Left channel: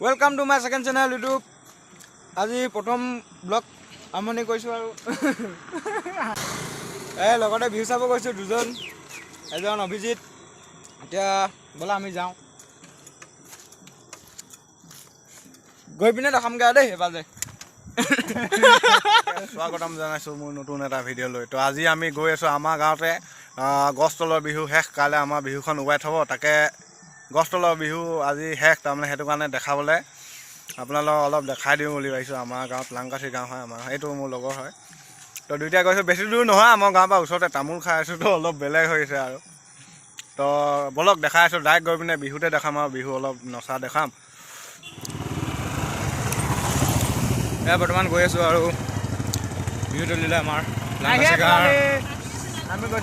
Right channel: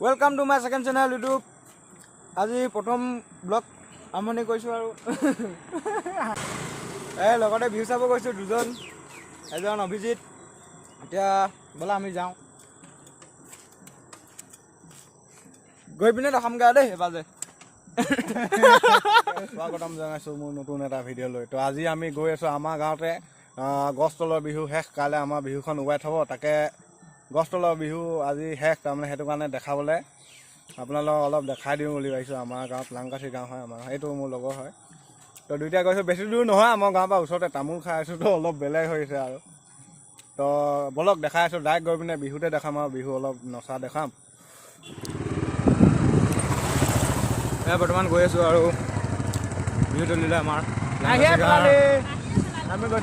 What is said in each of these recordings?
Welcome to my second channel YouTube. আজি প্ৰথম blog আমনি কৰিছোঁ আৰু লগতে ভিউ চাব গৈছোঁ দুজন এজন অভিজিত এতিয়া বলা আমি যাওঁ গৈ পিনে দেখামগৈ দেই এবাৰ যে স্বাগতম জনাইছোঁ মোৰ নতুন এটা ভিডিঅ' লৈ তো আজি আমি গৈ আছোঁ আমাৰ গাঁৱতে গছ তলৰ বিহু শেষ কাইলৈ আমাৰ বিহুখন উবাই থ'ব তাকে গছ তলৰ বিহু আজি শেষ তাৰমানে সেইটো কাৰণে দেখাবলৈ আপোনালোকক অলপ দেখাই দিওঁ বুলি ভাবিছোঁ আমাৰ গাঁৱত লাংকাঠি গাঁও হয় আমাৰ এইটো মোৰ লগৰ হয় তো দুইটা গৈছোঁ বেছি দূৰ নহয় আমাৰ গাঁৱৰ পৰা ওচৰতে তামোল খাই আছোঁ তো অলপ বেলেগ হৈছে আৰু তো বলক দেখাই আছোঁ ডাইৰেক্ট গৈ পিনে বিহুতে দেখাম আৰু বিহু অলপ নচা দেখাম বৰ্তমান গৈ আছোঁ আৰু বিহু তলিলে আমাৰ লাংকাঠি গাঁৱৰ আমি গৈ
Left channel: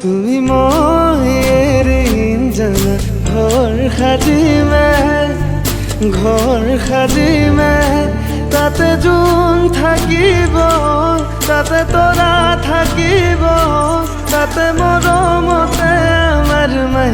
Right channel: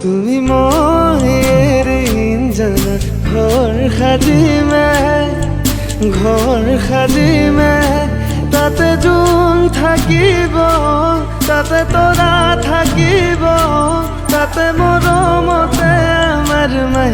তুমি মহেৰ জানা ঘৰ সাজিমে তাতে জোন থাকিব তাতে তৰা থাকিব তাতে মৰমতে আমাৰ মাই